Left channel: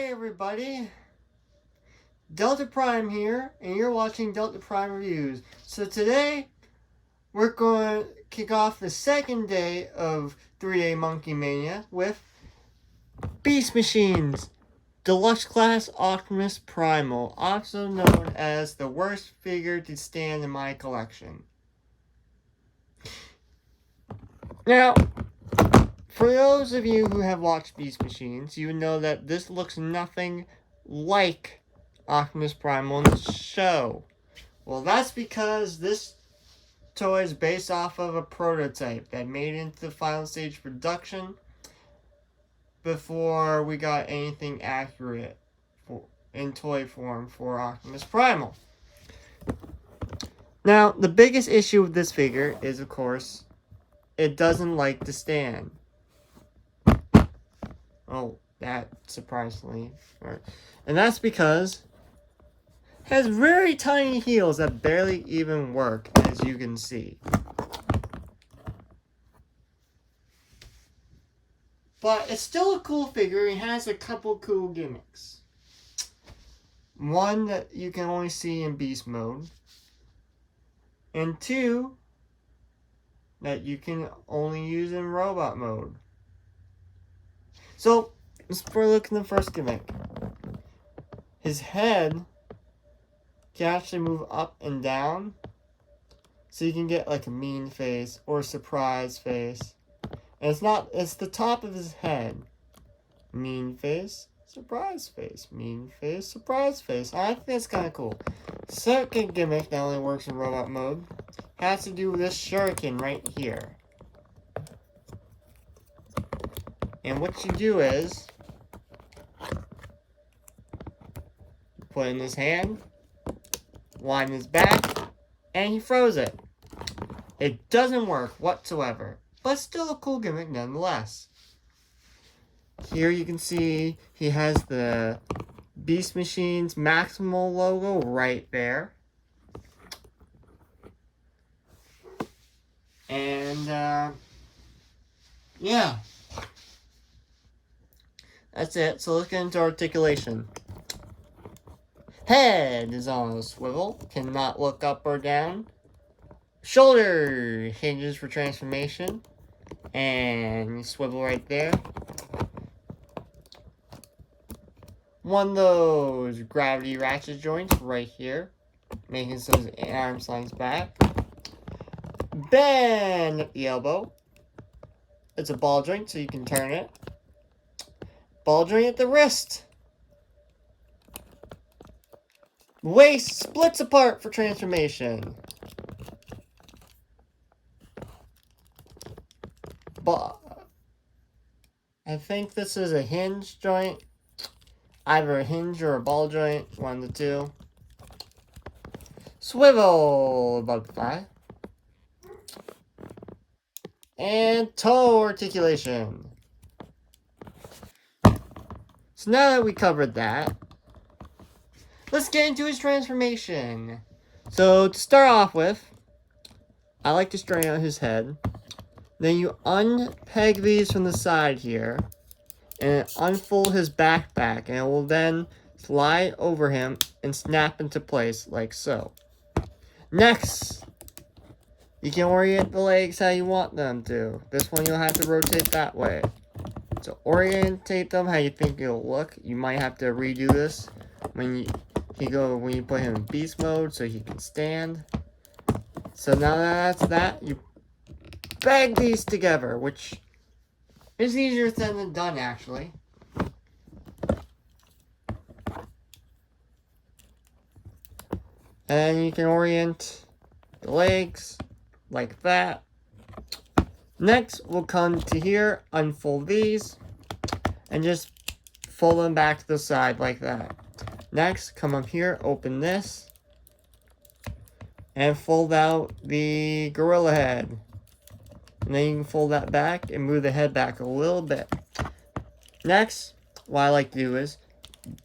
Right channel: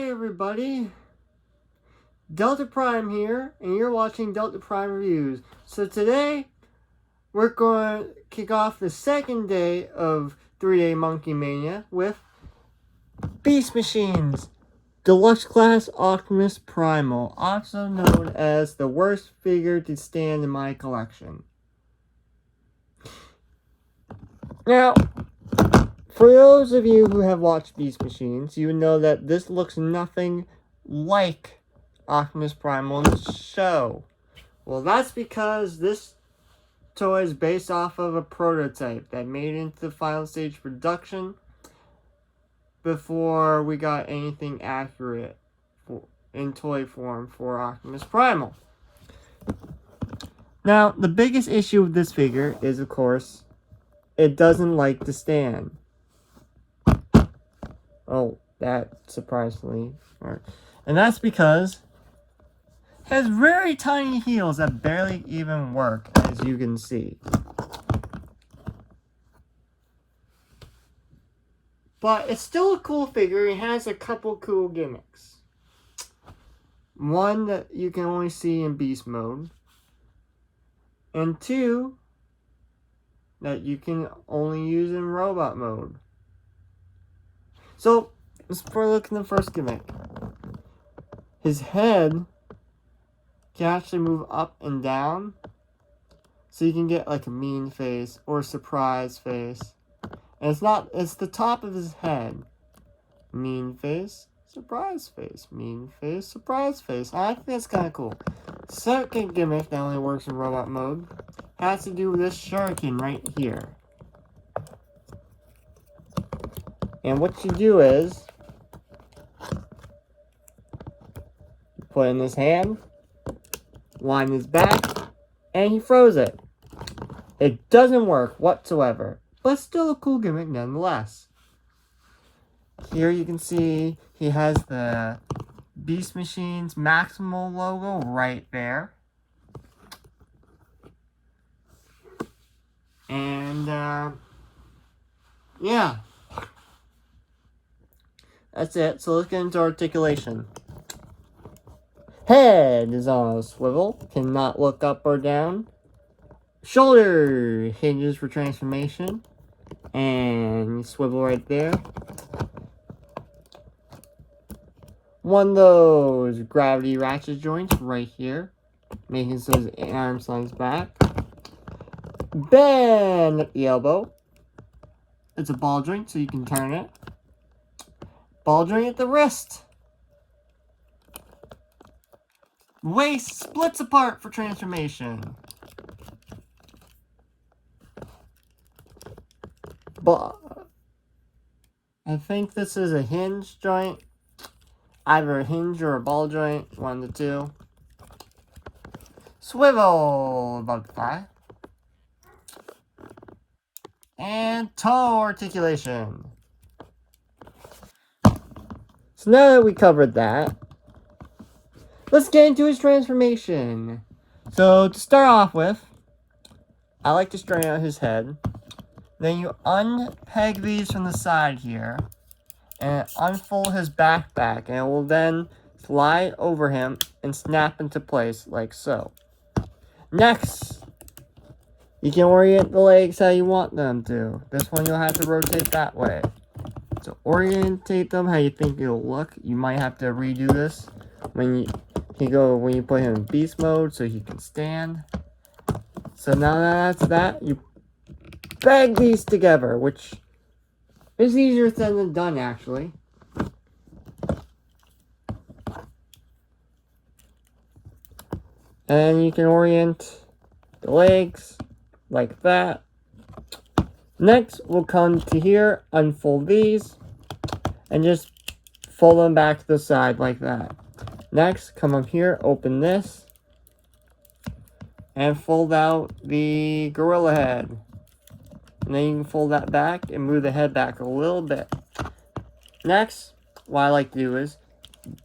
Hi everybody, Delta Prime here, and you're watching Delta Prime Reviews. So today, we're going to kick off the second day of 3A Monkey Mania with Beast Machines, Deluxe Class Optimus Primal, also known as the worst figure to stand in my collection. Now, for those of you who have watched Beast Machines, you know that this looks nothing like Optimus Primal in the show. Well, that's because this toy is based off of a prototype that made it into the final stage production before we got anything accurate in toy form for Optimus Primal. Now, the biggest issue with this figure is, of course, it doesn't like to stand. Oh, that surprisingly. And that's because it has very tiny heels that barely even work, as you can see. But it's still a cool figure. It has a couple cool gimmicks. One that you can only see in Beast mode. And two that you can only use in Robot mode. So, let's look at the first gimmick. His head can actually move up and down. So you can get like a mean face or a surprise face. And it's the top of his head. Mean face, surprise face. Mean face, surprise face. I think that's kind of cool. Second gimmick that only works in robot mode has to do with this shuriken right here. And what you do is, you put it in his hand, line his back, and he throws it. It doesn't work whatsoever, but still a cool gimmick nonetheless. Here you can see he has the Beast Machines Maximal logo right there. And, yeah. That's it. So let's get into articulation. Head is on a swivel, cannot look up or down. Shoulder hinges for transformation. And swivel right there. One of those gravity ratchet joints right here, making so his arm slings back. Bend at the elbow. It's a ball joint, so you can turn it. Ball joint at the wrist. Waist splits apart for transformation. But I think this is a hinge joint. Either a hinge or a ball joint, one of the two. Swivel above the thigh. And toe articulation. So now that we covered that, let's get into his transformation. So to start off with, I like to straighten out his head. Then you unpeg these from the side here, and unfold his backpack, and it will then slide over him and snap into place like so. Next, you can orient the legs how you want them to. This one you'll have to rotate that way. To orientate them how you think it'll look, you might have to redo this when you put him in beast mode so he can stand. So now that that's that, you bag these together, which is easier said than done actually. And you can orient the legs like that. Next, we'll come to here, unfold these, and just fold them back to the side like that. Next, come up here, open this, and fold out the gorilla head. And then you can fold that back and move the head back a little bit. Next, what I like to do is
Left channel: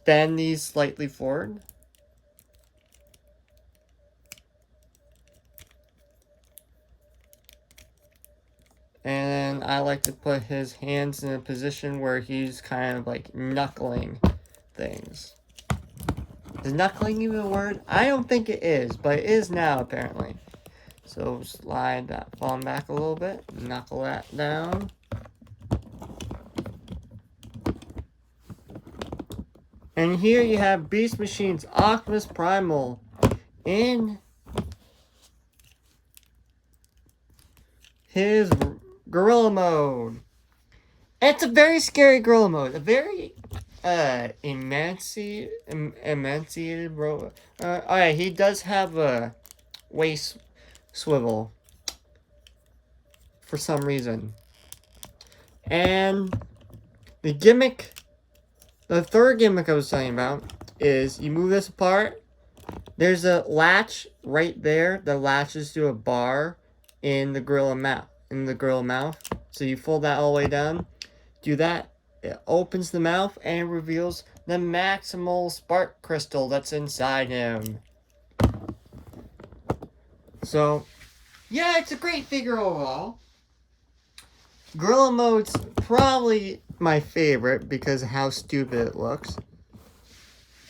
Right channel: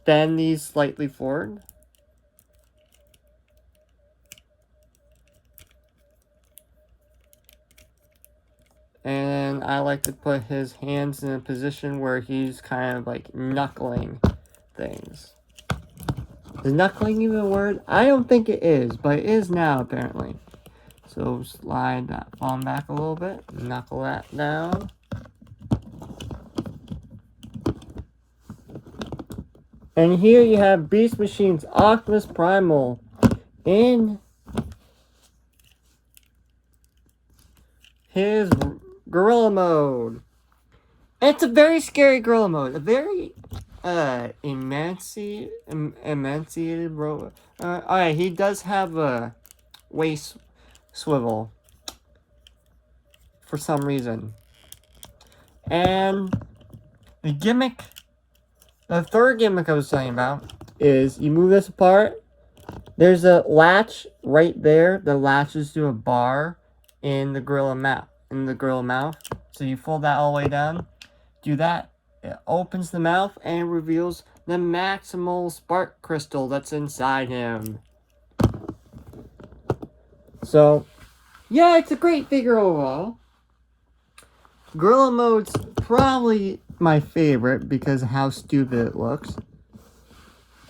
bend these slightly forward. And I like to put his hands in a position where he's kind of like knuckling things. Is knuckling even a word? I don't think it is, but it is now apparently. So slide that phone back a little bit, knuckle that down. And here you have Beast Machine's Optimus Primal in his gorilla mode. It's a very scary gorilla mode. A very emaciated robot. Alright, he does have a waist swivel for some reason. And the gimmick, the third gimmick I was telling about is you move this apart. There's a latch right there that latches to a bar in the gorilla mouth. So you fold that all the way down. Do that. It opens the mouth and reveals the maximal spark crystal that's inside him. So, yeah, it's a great figure overall. Gorilla mode's probably my favorite because of how stupid it looks.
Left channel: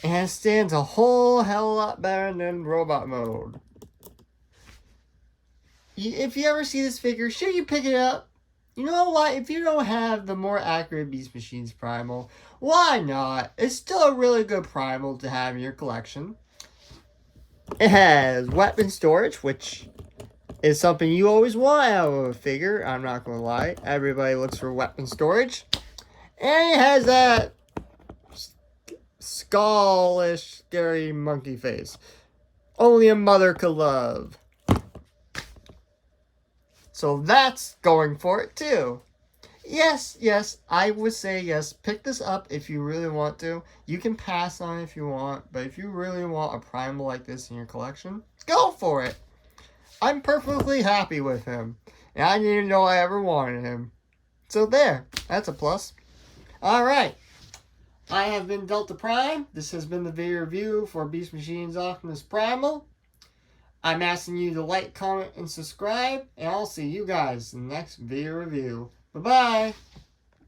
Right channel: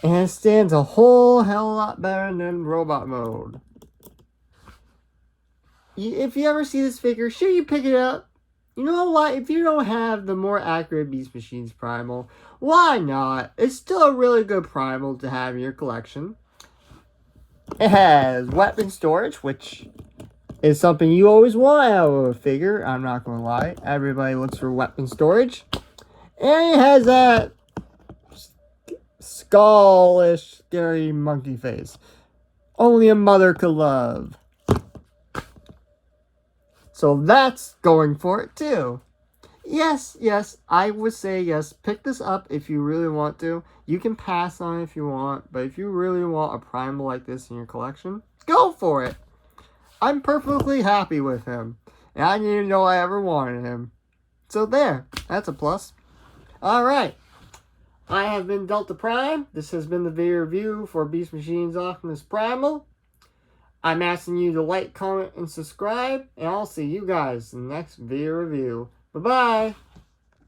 And it stands a whole hell of a lot better than robot mode. If you ever see this figure, sure you pick it up. You know what? If you don't have the more accurate Beast Machine's Primal, why not? It's still a really good Primal to have in your collection. It has weapon storage, which is something you always want out of a figure. I'm not going to lie. Everybody looks for weapon storage. And it has that skullish, scary monkey face. Only a mother could love. So that's going for it too. Yes, I would say yes. Pick this up if you really want to. You can pass on it if you want. But if you really want a Primal like this in your collection, go for it. I'm perfectly happy with him. And I didn't even know I ever wanted him. So there. That's a plus. Alright. I have been Delta Prime. This has been the video review for Beast Machine's Optimus Primal. I'm asking you to like, comment, and subscribe. And I'll see you guys in the next video review. Bye-bye.